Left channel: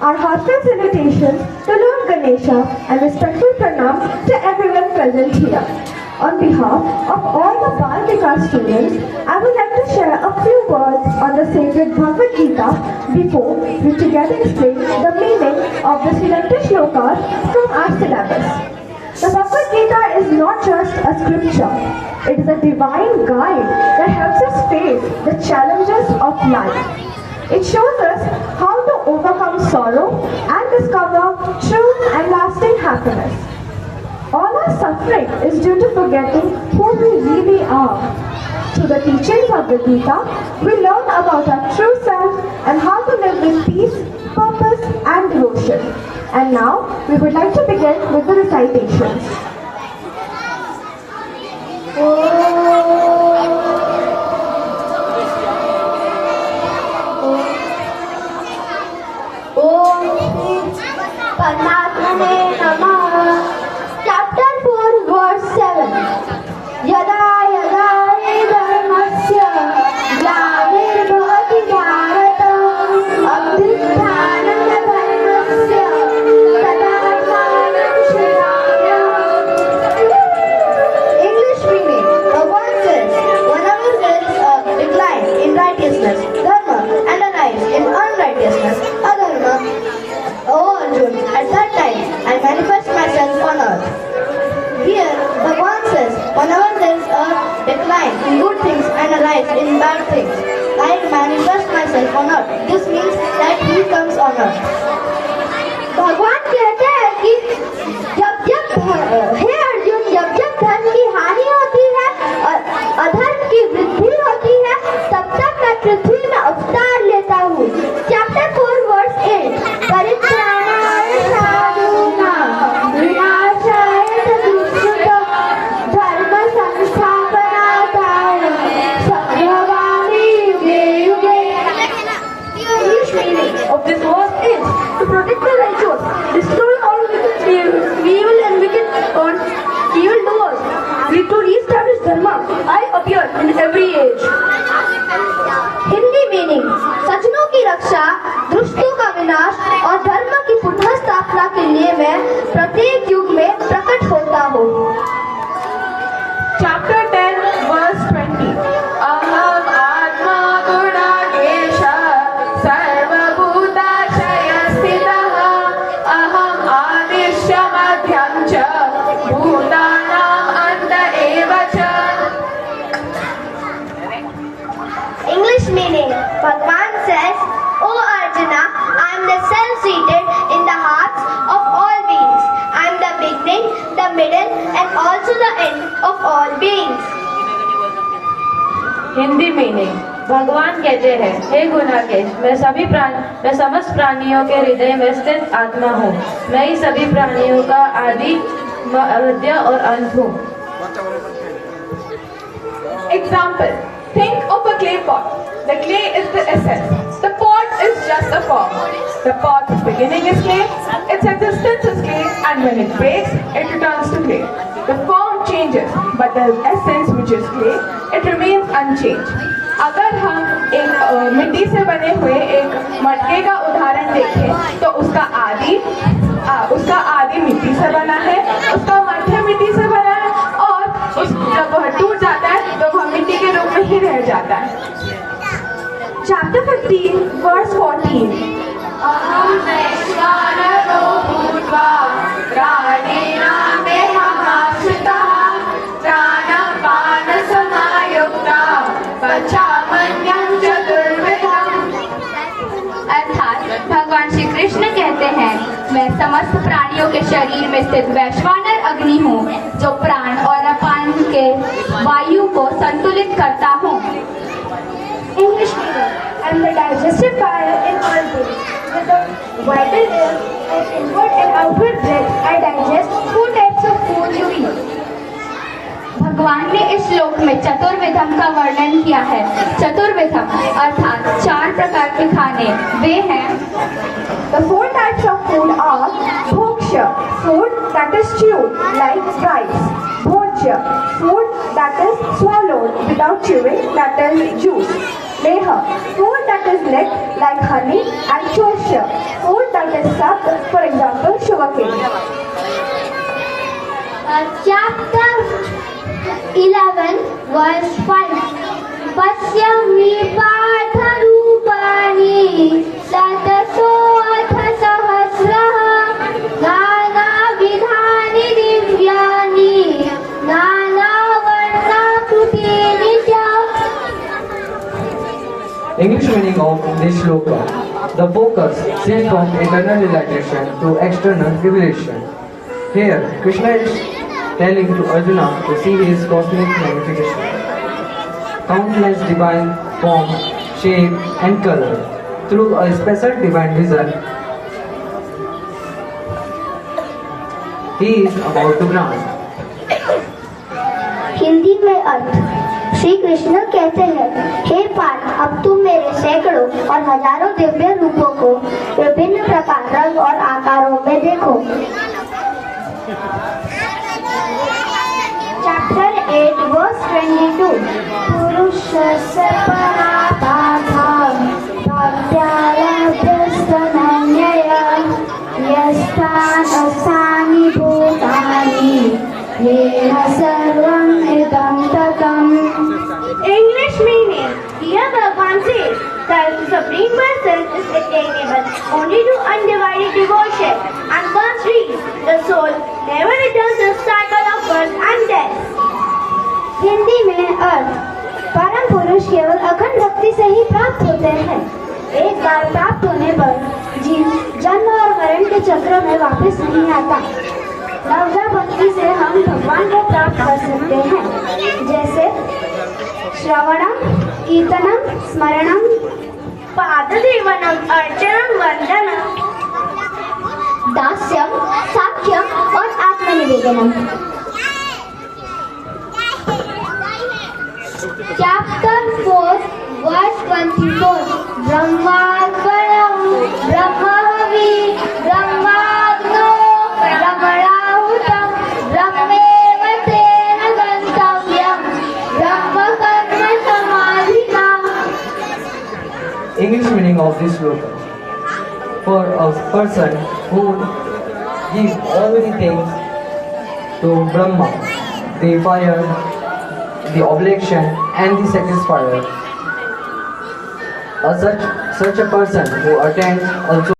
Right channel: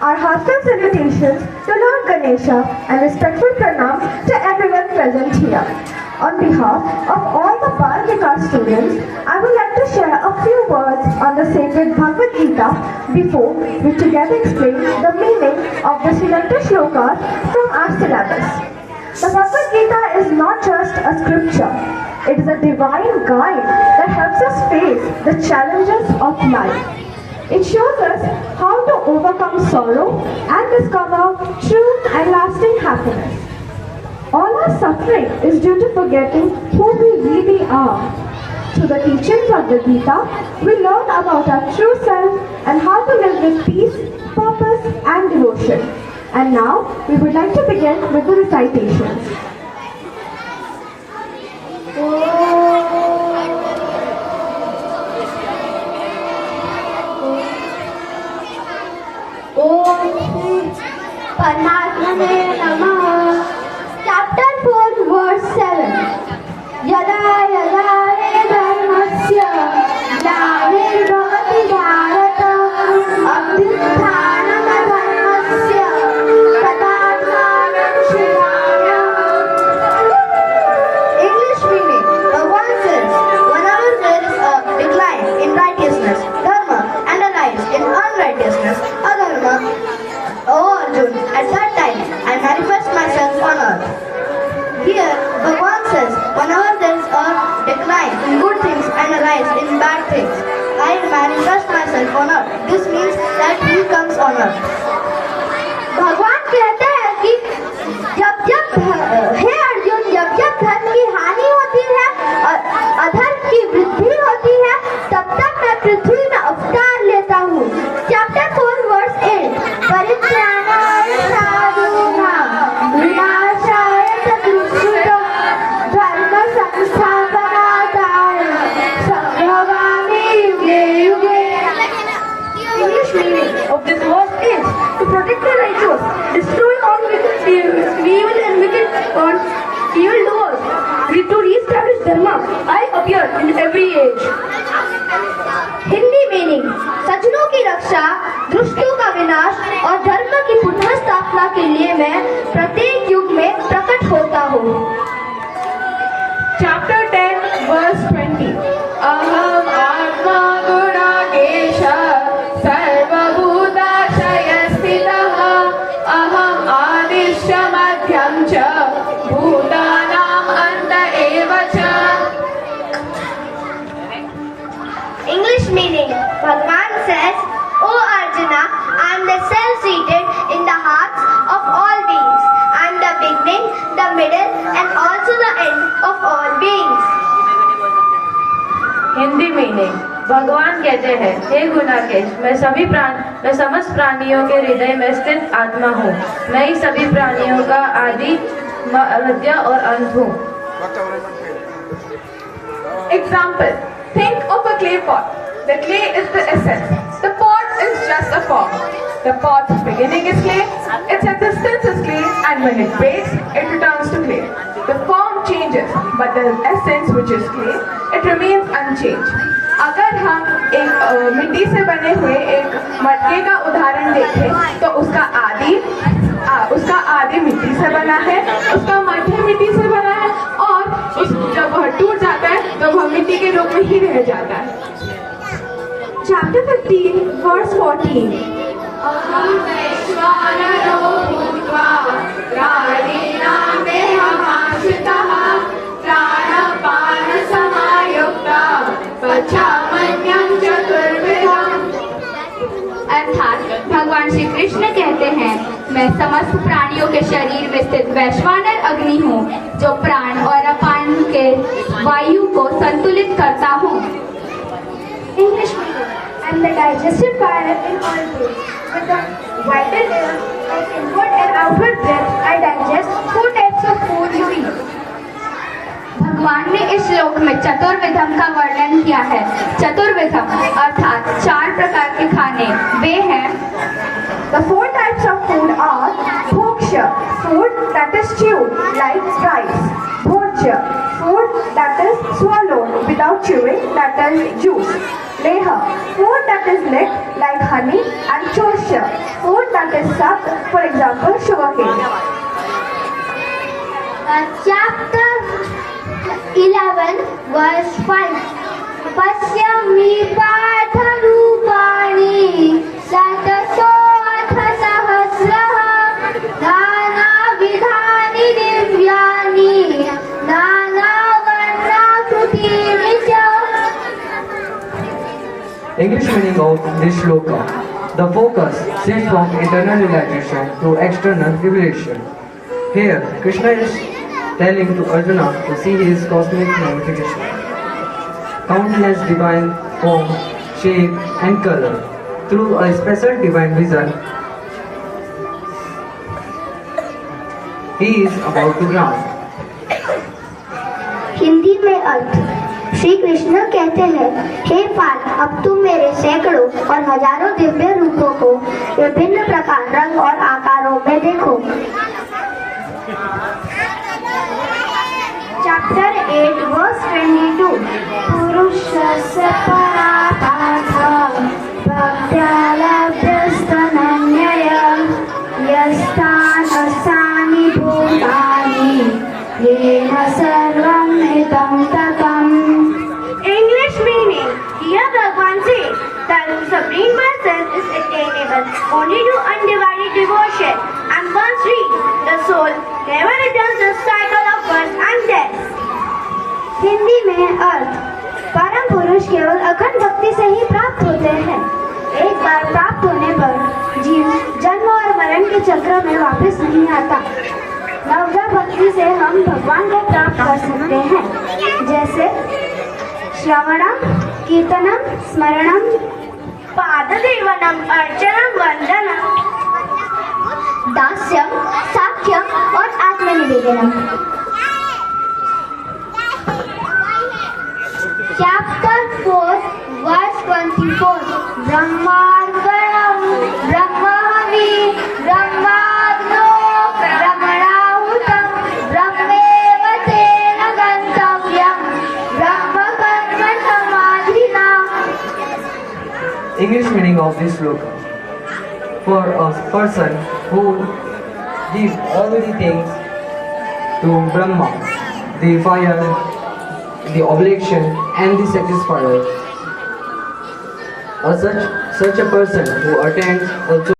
Our heartfelt salutations to Lord Ganesha and respectful pranam to everyone present here. On behalf of all the Bal Vikas students, I would like to share a few words on the sacred Bhagavad Gita before we together explain the meaning of the selected shlokas from our syllabus. The Bhagavad Gita is not just a scripture. It is a divine guide that helps us face the challenges of life. It shows us how to overcome sorrow and discover true and lasting happiness. All our suffering is due to forgetting who we really are. Through the teachings of the Gita, we learn about our true self and how to live with peace, purpose and devotion. And now, we would like to begin with the recitations. Paramatmane Namah. Chapter 4, verse 7. Yada yada hi dharmasya glanirvabhati bharata abhyuthanam dharmasya tadatmanam shrinaya. English meaning. Bhagavan says, whenever there is a decline in righteousness, dharma, and a rise in unrighteousness, adharma, oh Arjuna, at that time I manifest myself on earth. Here, Bhagavan says, whenever there is a decline in good things and a rise in bad things, I manifest myself on earth. This means that he comes on earth. भगवान कहते हैं कि जब हे अर्जुन जब धर्म की हानि होती है और अधर्म की वृद्धि होती है तब तक मैं पृथ्वी में अवतार लेता हूँ. Chapter 4 verse 8. परित्राणाय साधूनां विनाशाय च दुष्कृतां धर्म संस्थापनार्थाय संभवामि युगे युगे. English meaning of this verse is to protect the righteous, destroy all evil and wicked doers, to reestablish dharma. I appear in every age. Hindi meaning. सज्जनों की रक्षा, दुष्टों का विनाश और धर्म की पुनः स्थापना के लिए मैं प्रत्येक युग में प्रकट होता हूँ. Chapter 10, verse 20. Aham Atma Gunagesha Sarvabhutashaya Sthitah Aham Adishya Madhyam Cha Bhutanam Anta Eva Cha. English meaning. Bhagavan says, O Arjuna, I am the self-seated in the hearts of all beings. I am the beginning, the middle and also the end of all beings. Hindi meaning. भगवान कहते हैं, हे गुणाकेश, मैं समस्त प्राणियों के हृदय में स्थित आत्मा हूँ. मैं ही सभी प्राणियों का आदि, मध्य और अंत हूँ. Example. Think of a clay pot. The clay is the essence. The pot is just a form. The pot's beginning is clay, its existence is clay, and when it breaks, it returns to clay. The form changes, but the essence, which is clay, it remains unchanged. अगर हम एक मिट्टी से बने हुए एक मटके का उदाहरण देखें, तो उसका आदि मिट्टी से बना है, उसका मध्य मिट्टी से बना है, और जब वह टूट जाता है तो वह मिट्टी के रूप में ही रह जाता है. Chapter 15, verse 14. अहं वैश्वानरो भूत्वा प्राणिनां देहमाश्रितः प्राणपानसमायुक्तः मैं समस्त प्राणियों के शरीर में स्थित वैश्वानर अग्नि हूँ, जो प्राण और अपान के वायु को संतुलित करता हूँ। English meaning. I am the digestive fire in all beings. With the vital air and inward and outward breath, I digest 4 types of food you eat. भगवान ने इस श्लोक में चतुर्विधम का वर्णन किया है। चतुर्विधम अर्थात 4 प्रकार के खाने वे हैं। The 4 types of food are bhoksha, food that is chewed like rice. Bhojya, food that is swallowed without chewing, that is juice. Leha, food that is licked like honey. And chosha, food that is sucked, for example, sugarcane. Chapter 11 verse 5 पश्यमि पाठरूपाणि शतशोऽथ सहस्रः नानाविधानि दिव्यानि नानावर्णाकृतीनि च। English meaning of this shloka. The focus shifts from internal realization to external revelation. Here, Krishna is telling to Arjuna to see his cosmic manifestation. Countless divine form, shape and color. Through a special divine vision, he is about to grant. Hindi में अर्थ। श्री कृष्ण कहते हैं, हे पार्थ, अब तुम मेरे सैकड़ों और हजारों दिव्य रूपों को विभिन्न प्रकार, रंग और आकारों में देखो। Chapter 8 verse 22 पुरुषस्य परापाठः भक्त्यालभ्यस्तनन्यया यस्तानि भूतानि येन सर्वं इदं ततम्। English meaning. Here Bhagavan says that the Supreme Person is attainable only to undivided devotion, and once reached, the soul never returns the cycle of birth and death. Hindi में अर्थ। परम पुरुष केवल अखंड भक्ति से ही प्राप्त होते हैं। एक बार प्राप्त होने पर जीव जन्म और मरण के चक्र में वापस नहीं आता। नवजा भक्ति से हम भगवान को प्राप्त कर सकते हैं, जैसे श्रवणम, कीर्तनम, स्मरणम, पादसेवनम, अर्चनम, वंदनम, दास्यम, साख्यम और आत्मनिवेदनम। Chapter 4 verse 24 ब्रह्मार्पणम ब्रह्महवि ब्रह्माग्नो ब्रह्मणाहुतम ब्रह्मेव तेन गन्तव्यम् ब्रह्मकर्म समाधिना। English meaning of this shloka. For a person who gives all the things to Brahma, the fire, the oblation and the sacrifice, such a person who attends also